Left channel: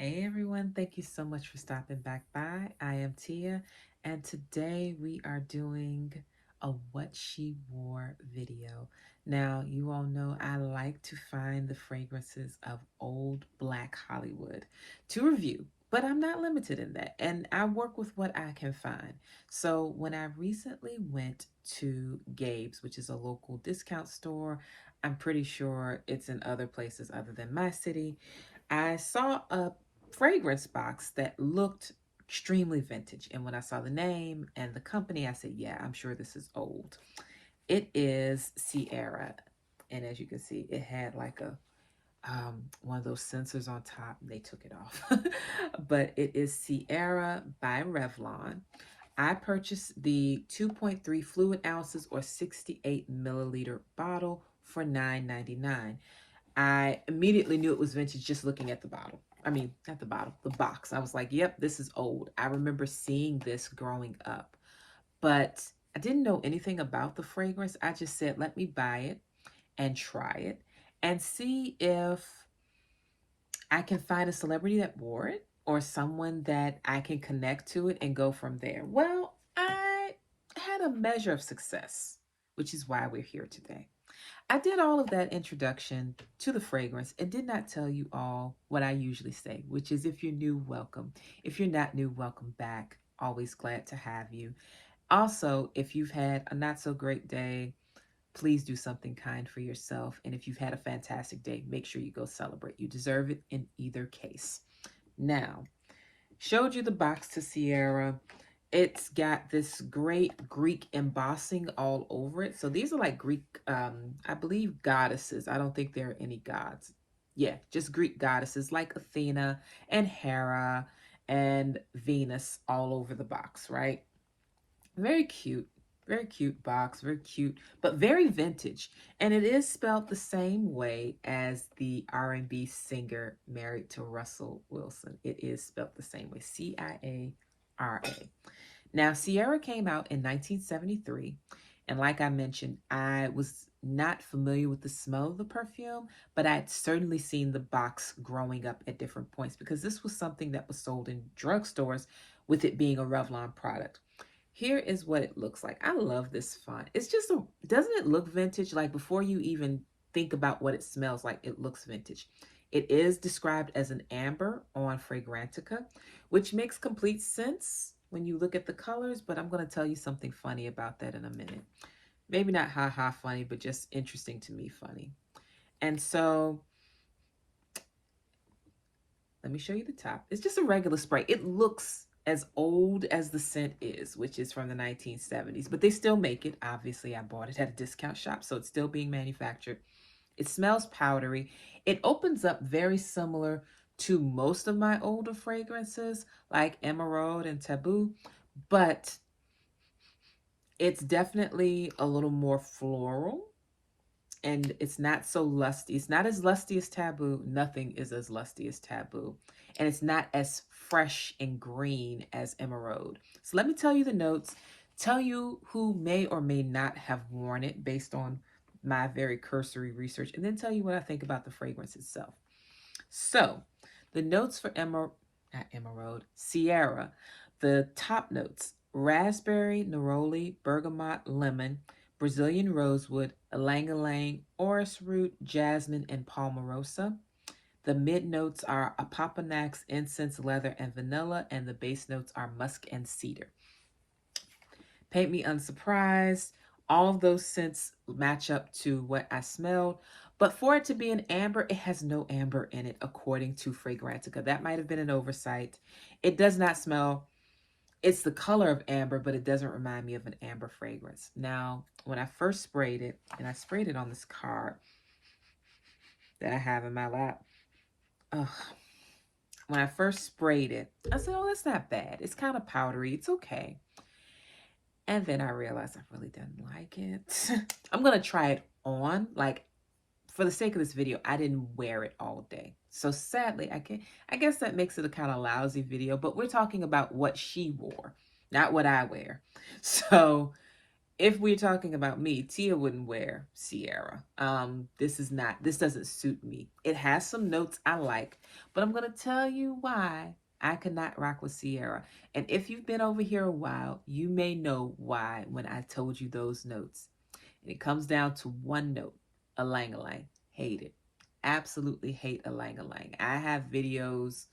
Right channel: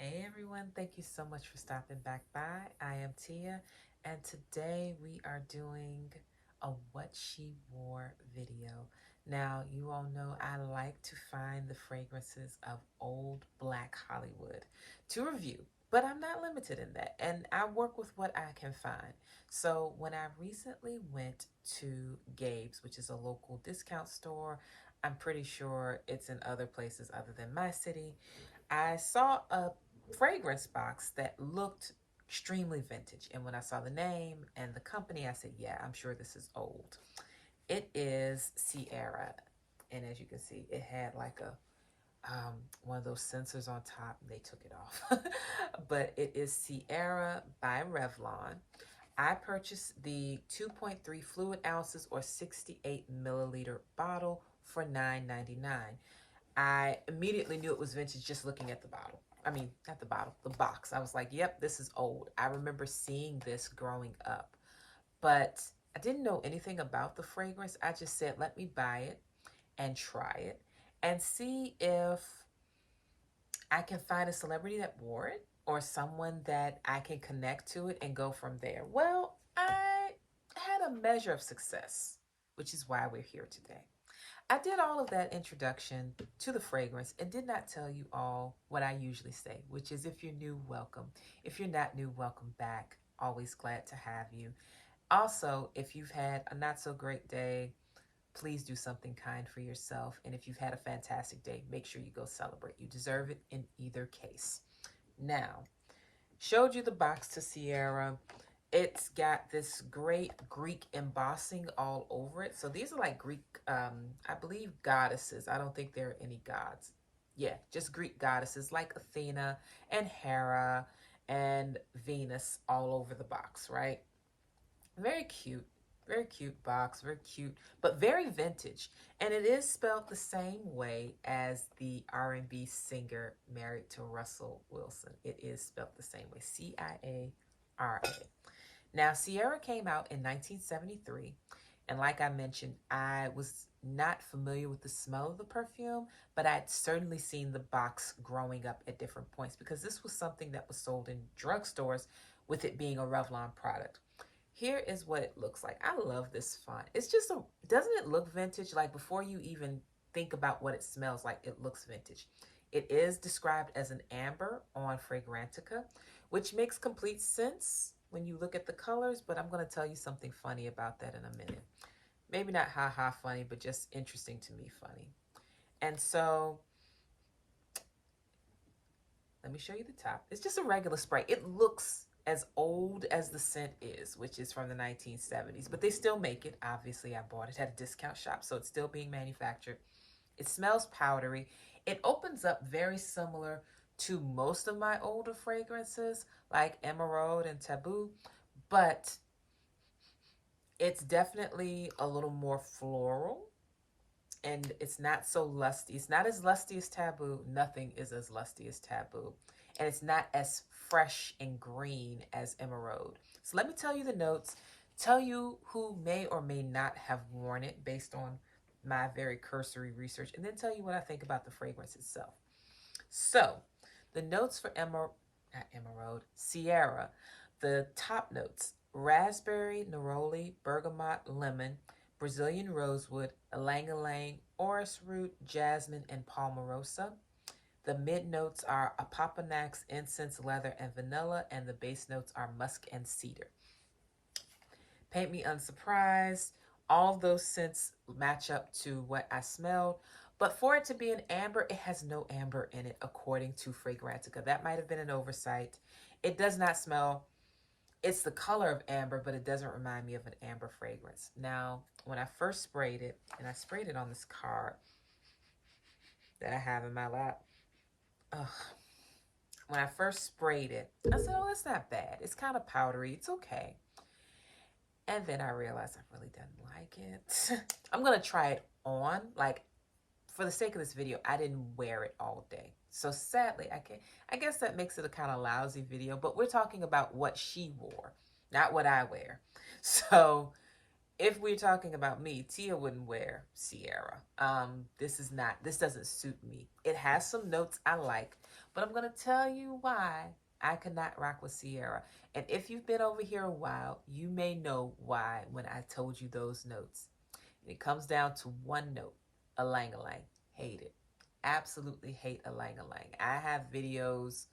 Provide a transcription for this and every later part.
Hey everyone, thank you so much for stopping back by. I am Tia, and today we are doing a What She Wore video. Now, you all know I like to find the fragrances of old Black Hollywood to review, but I'm not limited in that, and I work with what I can find. So, when I recently went to Gabe's, which is a local discount store, I'm pretty sure it's in other places other than my city. I saw a fragrance box that looked extremely vintage. And when I saw the name and the company, I said, yeah, I'm sure this is old. It is Ciara. And as you can see, it had like a one of those sensors on top. And they took it off. But it is Ciara by Revlon. I purchased the 2.3 fluid ounces or 68 milliliter bottle for $9.99. I immediately knew it was vintage just looking at the bottle. I mean, not the bottle, the box. I was like, yep, this is old. I remember seeing this growing up, but I didn't know anything about the fragrance. I just said, let me buy it and try it and see if I can find a celebrity that wore it or someone that I can connect to it and go from there. Well, I had a measure of success, which is why we're here today. I did all of that introduction to the fragrance and did not tell you all what I usually say, which is if you're new, welcome. If you're not new, welcome back. Always glad to have you. Also, if you've had a not so great day, please do something kind for yourself. And if you've had a fantastic day, make sure you go celebrate. You deserve it in either case. Now, showed you the box to Ciara. It's got this great Greek embossing all over it. So these are like Greek, I believe, goddesses. I don't think there are any gods. Yeah, just Greek goddesses like Athena and Hera and Venus all over the box, right? Very cute. Very cute box, very cute, but very vintage. And it is spelled the same way as the R&B singer married to Russell Wilson. It is spelled the same way, Ciara. Now, Ciara came out in 1973, and like I mentioned, I was not familiar with the smell of the perfume, but I'd certainly seen the box growing up at different points because this was something that was sold in drugstores with it being a Revlon product. Here is what it looks like. I love this font. It's just doesn't it look vintage? Like before you even think about what it smells like, it looks vintage. It is described as an amber on Fragrantica, which makes complete sense when you look at the colors, but I'm going to tell you something funny about that in a minute. Maybe not ha-ha funny, but just interesting to me funny. And so let me show you the top. It's just a regular spray. It looks as old as the scent is, which is from the 1970s, but they still make it. Obviously, I bought it at a discount shop, so it's still being manufactured. It smells powdery. It opens up very similar to most of my older fragrances, like Emerald and Taboo, but it's definitely a little more floral and it's not so lusty. It's not as lusty as Taboo. Nothing is as lusty as Taboo. And it's not as fresh and green as Emerald. So let me tell you the notes, tell you who may or may not have worn it based on my very cursory research, and then tell you what I think about the fragrance itself. So the notes for not Emerald, Ciara, the top notes: raspberry, neroli, bergamot, lemon, Brazilian rosewood, ylang-ylang, orris root, jasmine, and palmarosa. The mid notes are Opoponax, incense, leather, and vanilla, and the base notes are musk and cedar. Paint me unsurprised. All of those scents match up to what I smelled. But for it to be an amber, it has no amber in it, according to Fragrantica. That might have been an oversight. It does not smell, it's the color of amber, but it doesn't remind me of an amber fragrance. Now, when I first sprayed it, and I sprayed it on this card that I have in my lap, ugh. When I first sprayed it, I said, oh, that's not bad. It's kind of powdery. It's okay. And then I realized I really didn't like it. I'm going to try it on. Like, for the sake of this video, I didn't wear it all day. So sadly, I guess that makes it a kind of lousy video, but we're talking about what she wore, not what I wear. So if we're talking about me, Tia wouldn't wear Ciara. This doesn't suit me. It has some notes I like, But I'm going to tell you why I could not rock with Ciara. And if you've been over here a while, you may know why when I told you those notes. And it comes down to one note, Ylang-Ylang. Hate it. Absolutely hate Ylang-Ylang. I have videos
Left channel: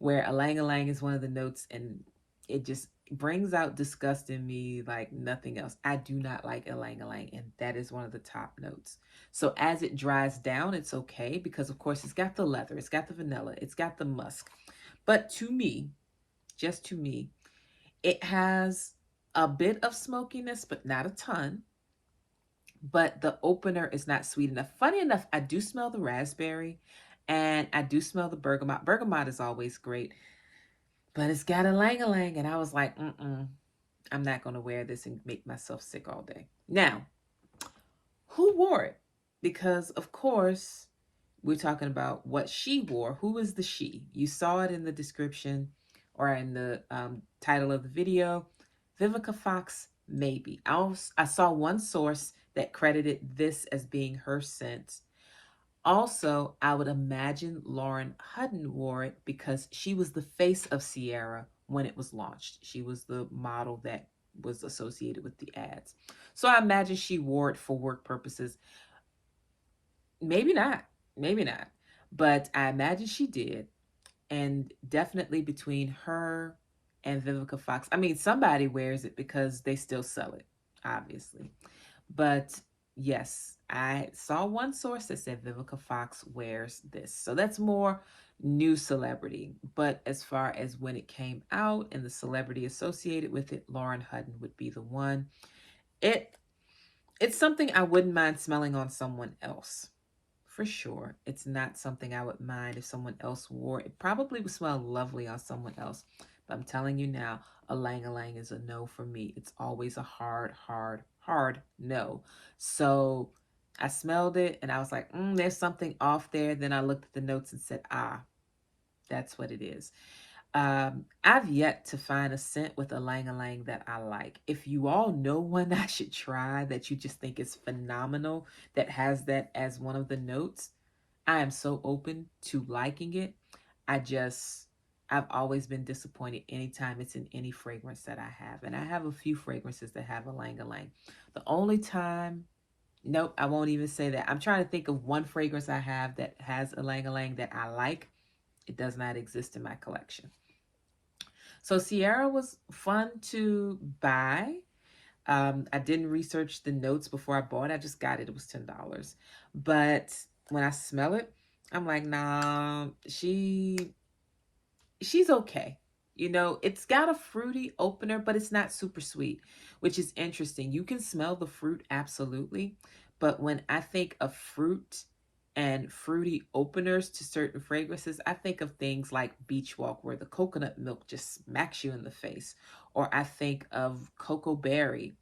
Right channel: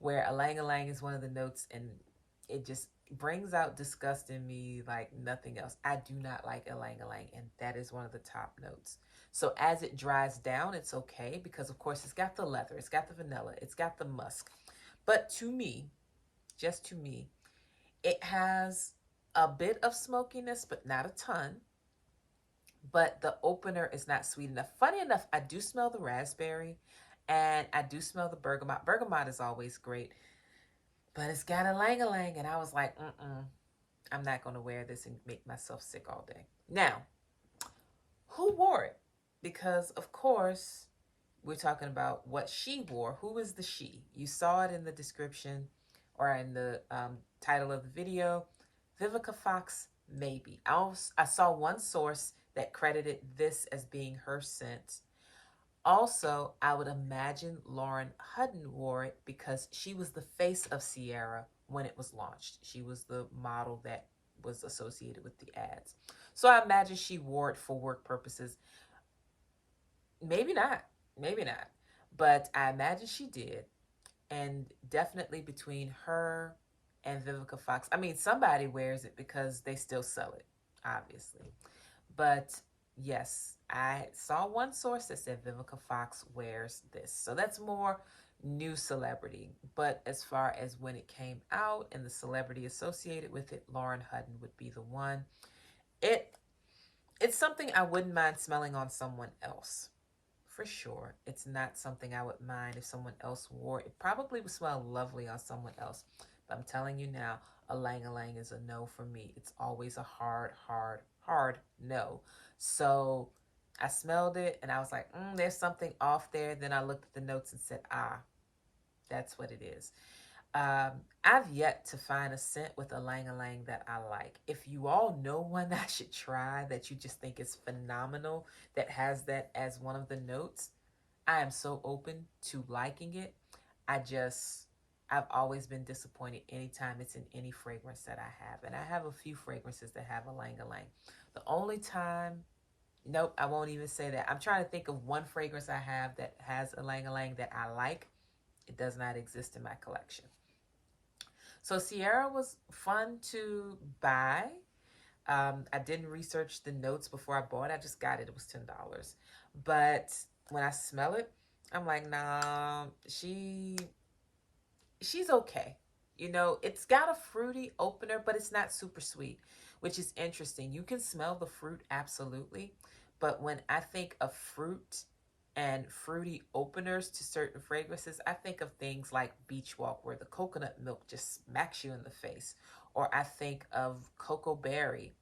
where Ylang-Ylang is one of the notes and it just brings out disgust in me like nothing else. I do not like Ylang-Ylang, and that is one of the top notes. So as it dries down, it's okay because of course it's got the leather, it's got the vanilla, it's got the musk. But to me, just to me, it has a bit of smokiness, but not a ton. But the opener is not sweet enough. Funny enough, I do smell the raspberry and I do smell the bergamot. Bergamot is always great, but it's got Ylang-Ylang, and I was like, I'm not going to wear this and make myself sick all day. Now, who wore it? Because, of course, we're talking about what she wore. Who is the she? You saw it in the description or in the title of the video. Vivica Fox, maybe. I saw one source that credited this as being her scent. Also, I would imagine Lauren Hutton wore it because she was the face of Ciara when it was launched. She was the model that was associated with the ads. So I imagine she wore it for work purposes. Maybe not. Maybe not. But I imagine she did. And definitely between her and Vivica Fox. I mean, somebody wears it because they still sell it, obviously. But yes, I saw one source that said Vivica Fox wears this. So that's more new celebrity. But as far as when it came out and the celebrity associated with it, Lauren Hutton would be the one. It's something I wouldn't mind smelling on someone else. For sure. It's not something I would mind if someone else wore. It probably would smell lovely on someone else. But I'm telling you now, Ylang-Ylang is a no for me. It's always a hard, hard, hard no. So I smelled it and I was like, there's something off there. Then I looked at the notes and said, that's what it is. I've yet to find a scent with Ylang-Ylang that I like. If you all know one I should try that you just think is phenomenal, that has that as one of the notes, I am so open to liking it. I've always been disappointed anytime it's in any fragrance that I have. And I have a few fragrances that have Ylang-Ylang. The only time, nope, I won't even say that. I'm trying to think of one fragrance I have that has Ylang-Ylang that I like. It does not exist in my collection. So Ciara was fun to buy. I didn't research the notes before I bought it. I just got it. It was $10. But when I smell it, I'm like, nah, she's okay. You know, it's got a fruity opener, but it's not super sweet, which is interesting. You can smell the fruit, absolutely. But when I think of fruit and fruity openers to certain fragrances, I think of things like Beach Walk, where the coconut milk just smacks you in the face. Or I think of Cocoa Berry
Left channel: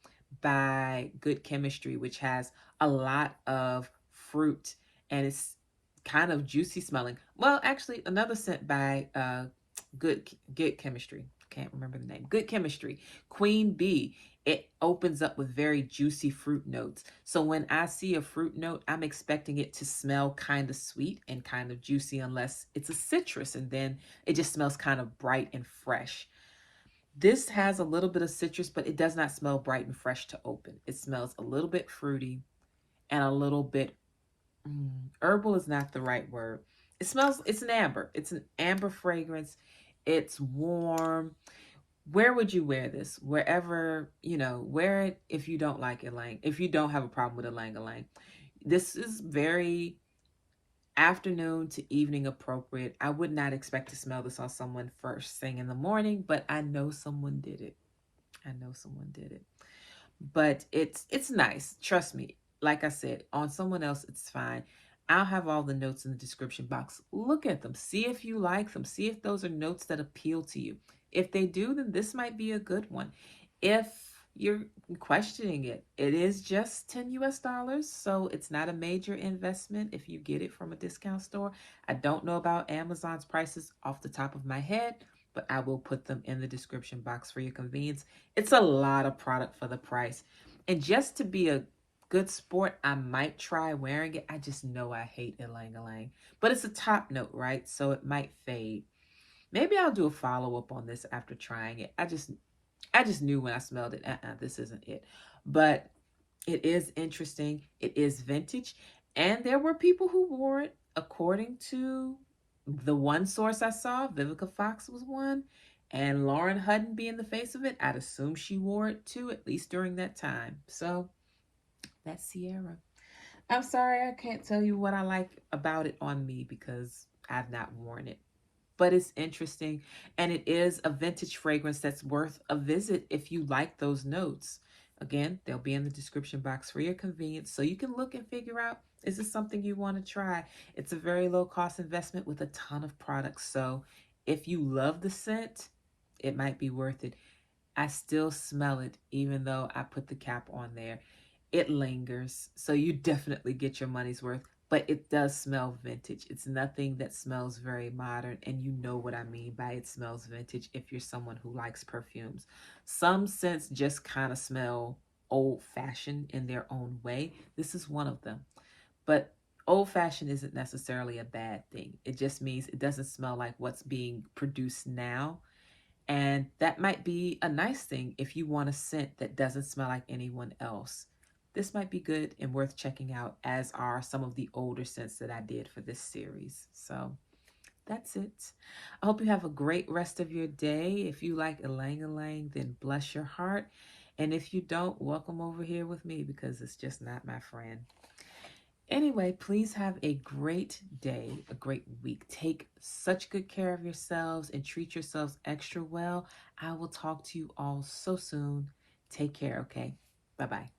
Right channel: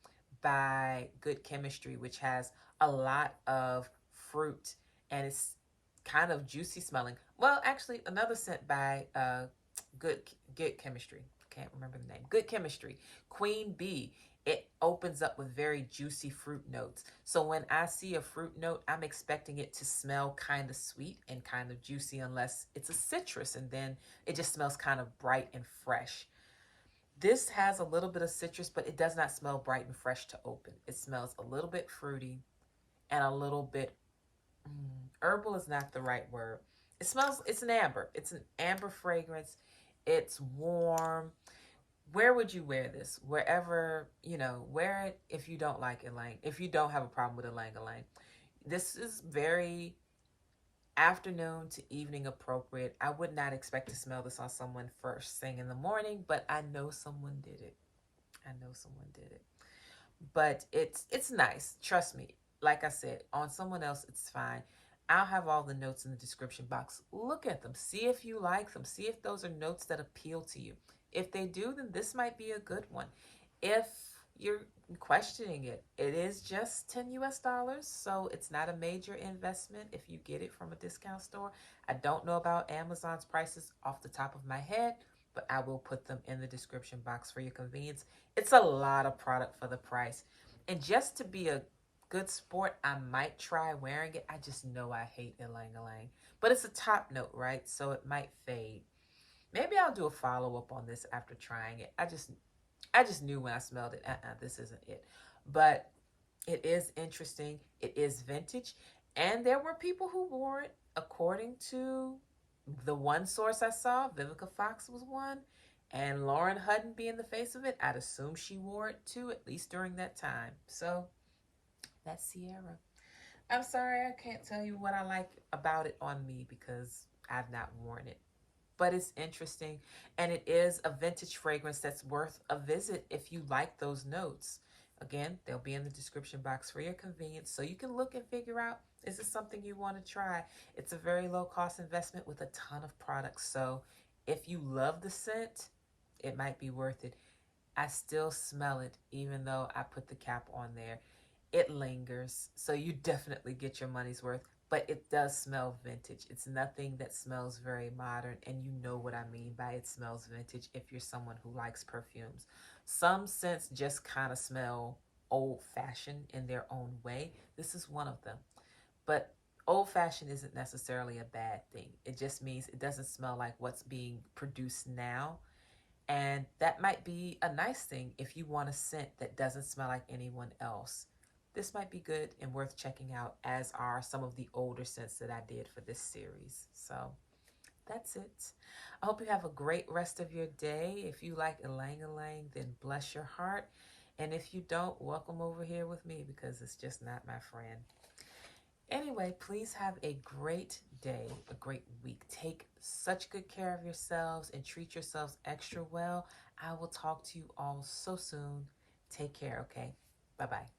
by Good Chemistry, which has a lot of fruit and it's kind of juicy smelling. Well, actually, another scent by Good Chemistry. Can't remember the name. Good Chemistry. Queen Bee. It opens up with very juicy fruit notes. So when I see a fruit note, I'm expecting it to smell kind of sweet and kind of juicy unless it's a citrus. And then it just smells kind of bright and fresh. This has a little bit of citrus, but it does not smell bright and fresh to open. It smells a little bit fruity and a little bit herbal is not the right word. It's an amber. It's an amber fragrance. It's warm. Where would you wear this? Wherever, wear it if you don't like Ylang, if you don't have a problem with Ylang-Ylang. This is very afternoon to evening appropriate. I would not expect to smell this on someone first thing in the morning, but I know someone did it. But it's nice. Trust me. Like I said, on someone else, it's fine. I'll have all the notes in the description box. Look at them. See if you like them. See if those are notes that appeal to you. If they do, then this might be a good one. If you're questioning it, it is just $10 US, so it's not a major investment if you get it from a discount store. I don't know about Amazon's prices off the top of my head, but I will put them in the description box for your convenience. It's a lot of product for the price. And just to be a good sport, I might try wearing it. I just know I hate Ylang-Ylang. But it's a top note, right? So it might fade. Maybe I'll do a follow-up on this after trying it. I just knew when I smelled it, this isn't it. But it is interesting. It is vintage. And there were people who wore it. According to the one source I saw, Vivica Fox was one. And Lauren Hutton being the face of it, I'd assume she wore it too, at least during that time. So that's Ciara. I'm sorry I can't tell you what I like about it on me because I've not worn it. But it's interesting, and it is a vintage fragrance that's worth a visit if you like those notes. Again, they'll be in the description box for your convenience so you can look and figure out, is this something you want to try? It's a very low cost investment with a ton of products. So if you love the scent, it might be worth it. I still smell it even though I put the cap on there. It lingers, so you definitely get your money's worth, but it does smell vintage. It's nothing that smells very modern, and you know what I mean by it smells vintage if you're someone who likes perfumes. Some scents just kind of smell old-fashioned in their own way. This is one of them. But old-fashioned isn't necessarily a bad thing. It just means it doesn't smell like what's being produced now. And that might be a nice thing if you want a scent that doesn't smell like anyone else. This might be good and worth checking out, as are some of the older scents that I did for this series. So that's it. I hope you have a great rest of your day. If you like Ylang-Ylang, then bless your heart. And if you don't, welcome over here with me because it's just not my friend. Anyway, please have a great day, a great week. Take such good care of yourselves and treat yourselves extra well. I will talk to you all so soon. Take care, okay? Bye-bye.